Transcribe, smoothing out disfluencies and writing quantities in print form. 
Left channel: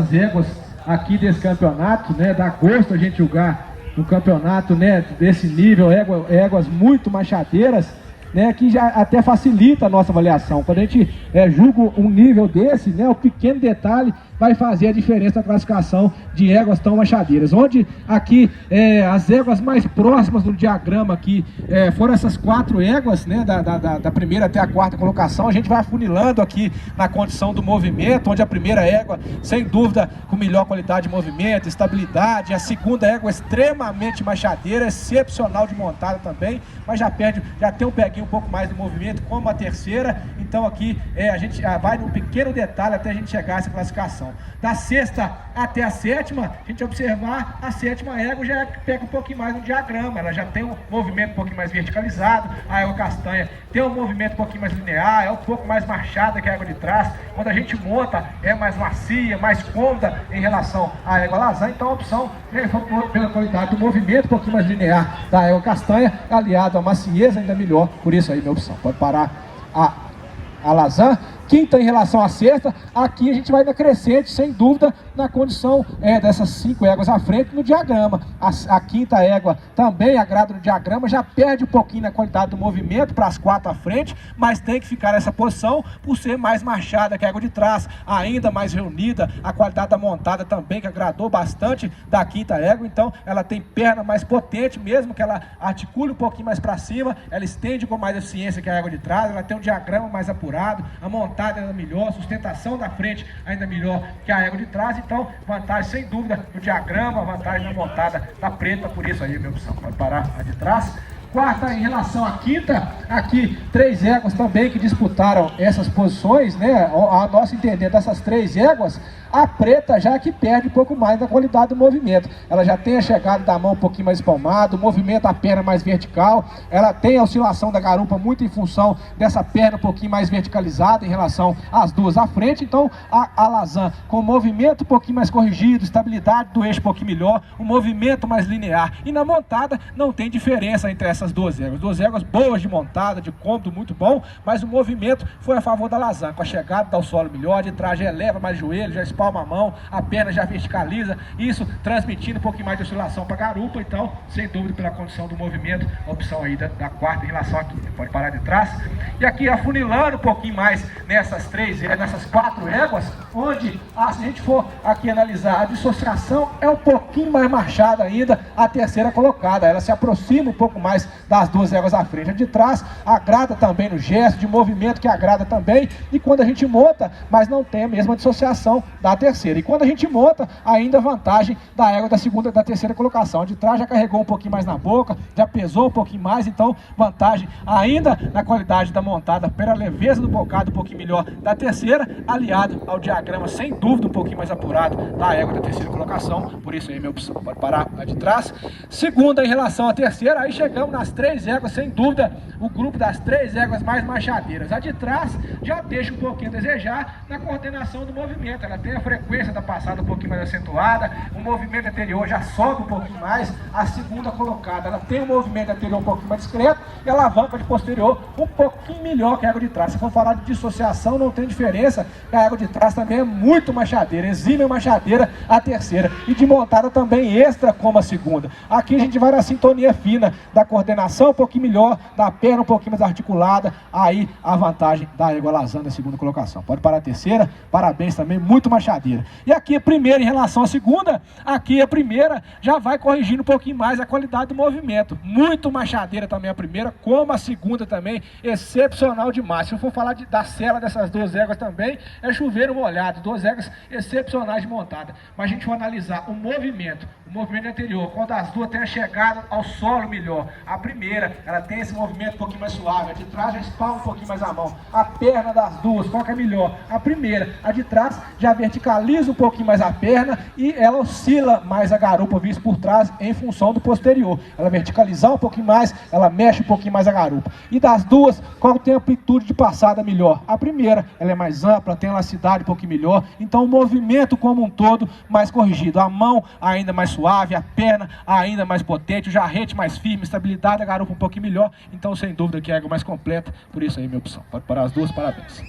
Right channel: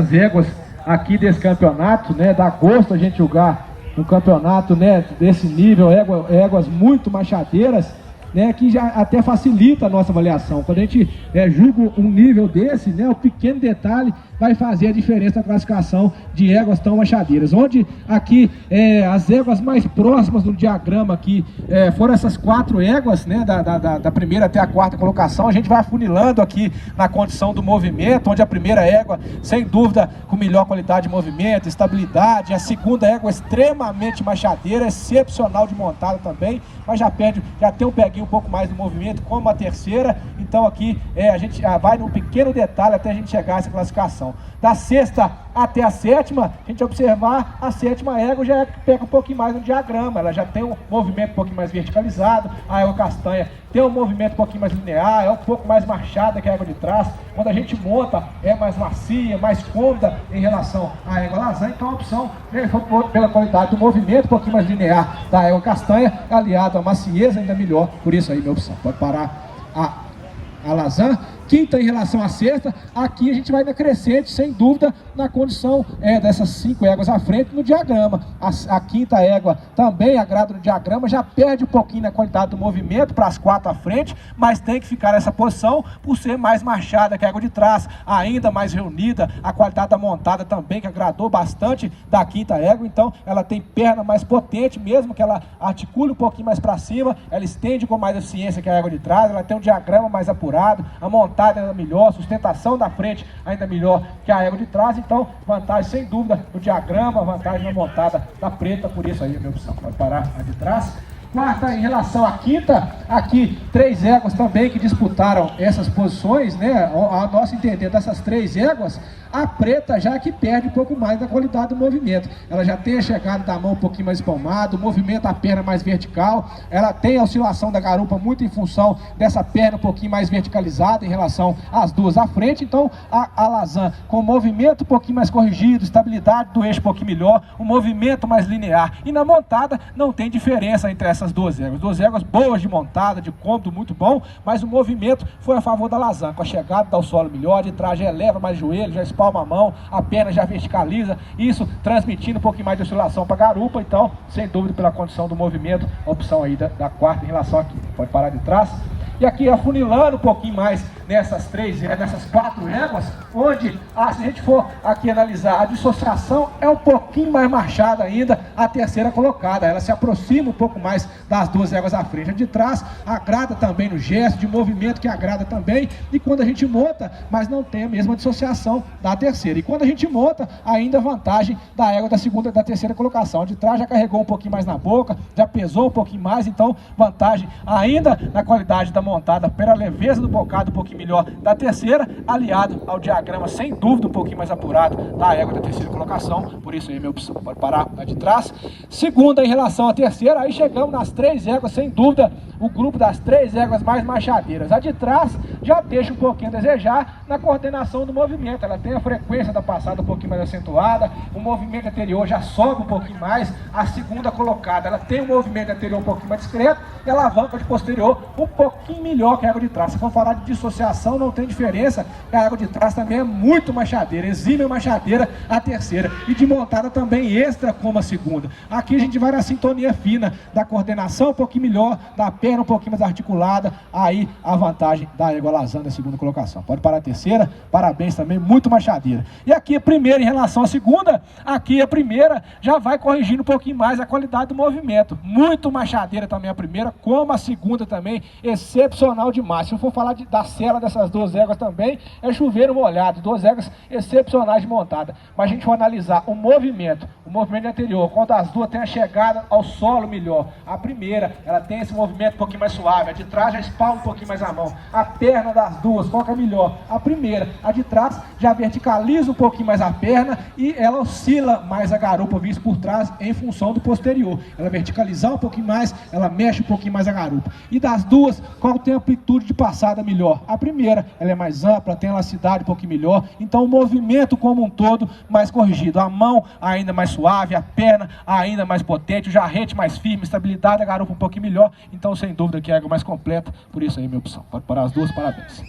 As éguas aqui desse campeonato, né, dá gosto a gente julgar um campeonato, né, desse nível, éguas muito machadeiras, né, que já até facilita a nossa avaliação. Quando a gente julga um nível desse, né, o pequeno detalhe vai fazer a diferença na classificação de éguas tão machadeiras. Onde aqui as éguas mais próximas do diagrama aqui foram essas 4 éguas, né, da primeira até a 4ª colocação. A gente vai afunilando aqui na condição do movimento, onde a primeira égua, sem dúvida, com melhor qualidade de movimento, estabilidade. A segunda égua extremamente machadeira, excepcional de montada também, mas já tem um peguinho um pouco mais de movimento, como a terceira. Então aqui a gente vai num pequeno detalhe até a gente chegar a essa classificação. Da 6ª até a 7ª, a gente observar, a 7ª égua já pega um pouquinho mais no diagrama, ela já tem um movimento um pouquinho mais verticalizado. A égua castanha tem um movimento um pouquinho mais linear, é um pouco mais marchada que a égua de trás. Quando a gente monta, é mais macia, mais cômoda em relação à égua lasanha. Então a opção pela qualidade do movimento um pouquinho mais linear da égua castanha, aliado a macieza ainda melhor. Por isso aí minha opção, pode parar a lasanha. Quinta em relação à sexta, aqui a gente vai na crescente, sem dúvida, na condição dessas 5 éguas à frente no diagrama. A quinta égua também agrada no diagrama, já perde um pouquinho na qualidade do movimento para as 4 à frente, mas tem que ficar nessa posição por ser mais marchada que a égua de trás, ainda mais reunida. A qualidade da montada também, que agradou bastante da quinta égua. Então ela tem perna mais potente, mesmo que ela articule um pouquinho mais para cima, ela estende com mais eficiência que a égua de trás. Ela tem um diagrama mais apurado, a montada ainda melhor, a sustentação da frente ainda melhor que a égua de trás. Então vantagem sem dúvida no diagrama, vantagem na montada da preta. Por isso aí a minha opção para parar a de trás. Quarta em relação à quinta, aqui 3 éguas também que disputaram essas posições, né? A nosso entender dessas 3 éguas, a preta já que perde um pouco mais da qualidade do movimento. Ela já tem a chegada da mão um pouquinho mais espalmada, o movimento da perna mais vertical, ela tem a oscilação da garupa muito em função dessa perna um pouquinho mais verticalizada em relação às 2 à frente. Então a lasanha com movimento um pouquinho mais corrigido, estabilidade do eixo um pouquinho melhor, o movimento mais linear. E na montada não tem diferença entre essas 2 éguas. 2 éguas boas de montada, de cômodo muito bom, mas o movimento foi a favor da lasanha. Com a chegada dá o solo melhor, de trás já eleva mais joelho, já espalma a mão, a perna já verticaliza, isso transmitindo um pouquinho mais de oscilação para a garupa. Então, sem dúvida, pela condição do movimento, a opção aí da quarta em relação à quinta. Pode parar de trás. E aqui afunilando um pouquinho mais nessas 4 éguas, onde, se a gente for aqui analisar, a dissociação é um pouquinho mais marchada ainda, a terceira colocada. Ela se aproxima um pouco mais das 2 éguas à frente. A de trás agrada também no gesto, de movimento que agrada também, e quando a gente monta, mas não tem a mesma dissociação da terceira. E quando a gente monta, ainda vantagem da égua da terceira colocação. A de trás já carregou um pouquinho mais na boca, já pesou um pouquinho mais, então vantagem ainda na qualidade da montada, pela leveza do bocado um pouquinho melhor da terceira, aliado ao diagrama sem dúvida um pouquinho mais apurado da égua da terceira colocação. Por isso aí minha opção, pode parar a de trás. Segunda em relação à terceira, aí chegamos nas 3 éguas, sem dúvida, o grupo das 3 éguas mais machadeiras. A de trás já deixa um pouquinho a desejar na coordenação do movimento. Ela tem a frequência da passada um pouquinho mais acentuada, o movimento anterior já sobe um pouquinho mais. A segunda colocada, ela tem um movimento anterior um pouquinho mais discreto e a alavanca de posterior um pouquinho melhor que a égua de trás. Se for falar de dissociação, não tem diferença, a égua de trás também é muito machadeira, exímia machadeira a terceira, e de montada também extra como a segunda. Aqui a gente vai na sintonia fina da coordenação um pouquinho melhor, da perna um pouquinho mais articulada, aí a vantagem da égua lasanha da segunda colocação. Pode parar a terceira, parabéns também, muito machadeira. E aqui a primeira em relação à segunda, aqui a primeira já vai corrigindo um pouquinho mais a qualidade do movimento. Muito machadeira também a primeira, como a segunda também, excepcional demais. Se eu for falar da cela dessas 2 éguas também, é chuveiro molhado, 2 éguas excepcionais de montada. Mas a gente vai analisar o movimento anterior, quando as 2 têm a chegada ao solo melhor. A primeira, ela tem esse movimento um pouquinho mais suave, a de trás já espalma um pouquinho mais a mão. A perna das 2, qual que é melhor? A primeira, a de trás já verticaliza um pouquinho mais a perna e ela oscila mais a garupa vista por trás em função do posterior. Ela verticalizar um pouquinho mais, ela mexe um pouquinho mais a garupa. E das 2, qual tem a amplitude de passada melhor? A primeira, ela é mais ampla, tem elasticidade um pouquinho melhor, então o movimento como um todo mais corrigido. A mão ainda mais suave, a perna ainda mais potente, o jarrete mais firme, estabilidade da garupa um pouquinho melhor. Então sem dúvida que é a égua mais completa, por isso aí minha opção. Pode parar as 2, parabéns.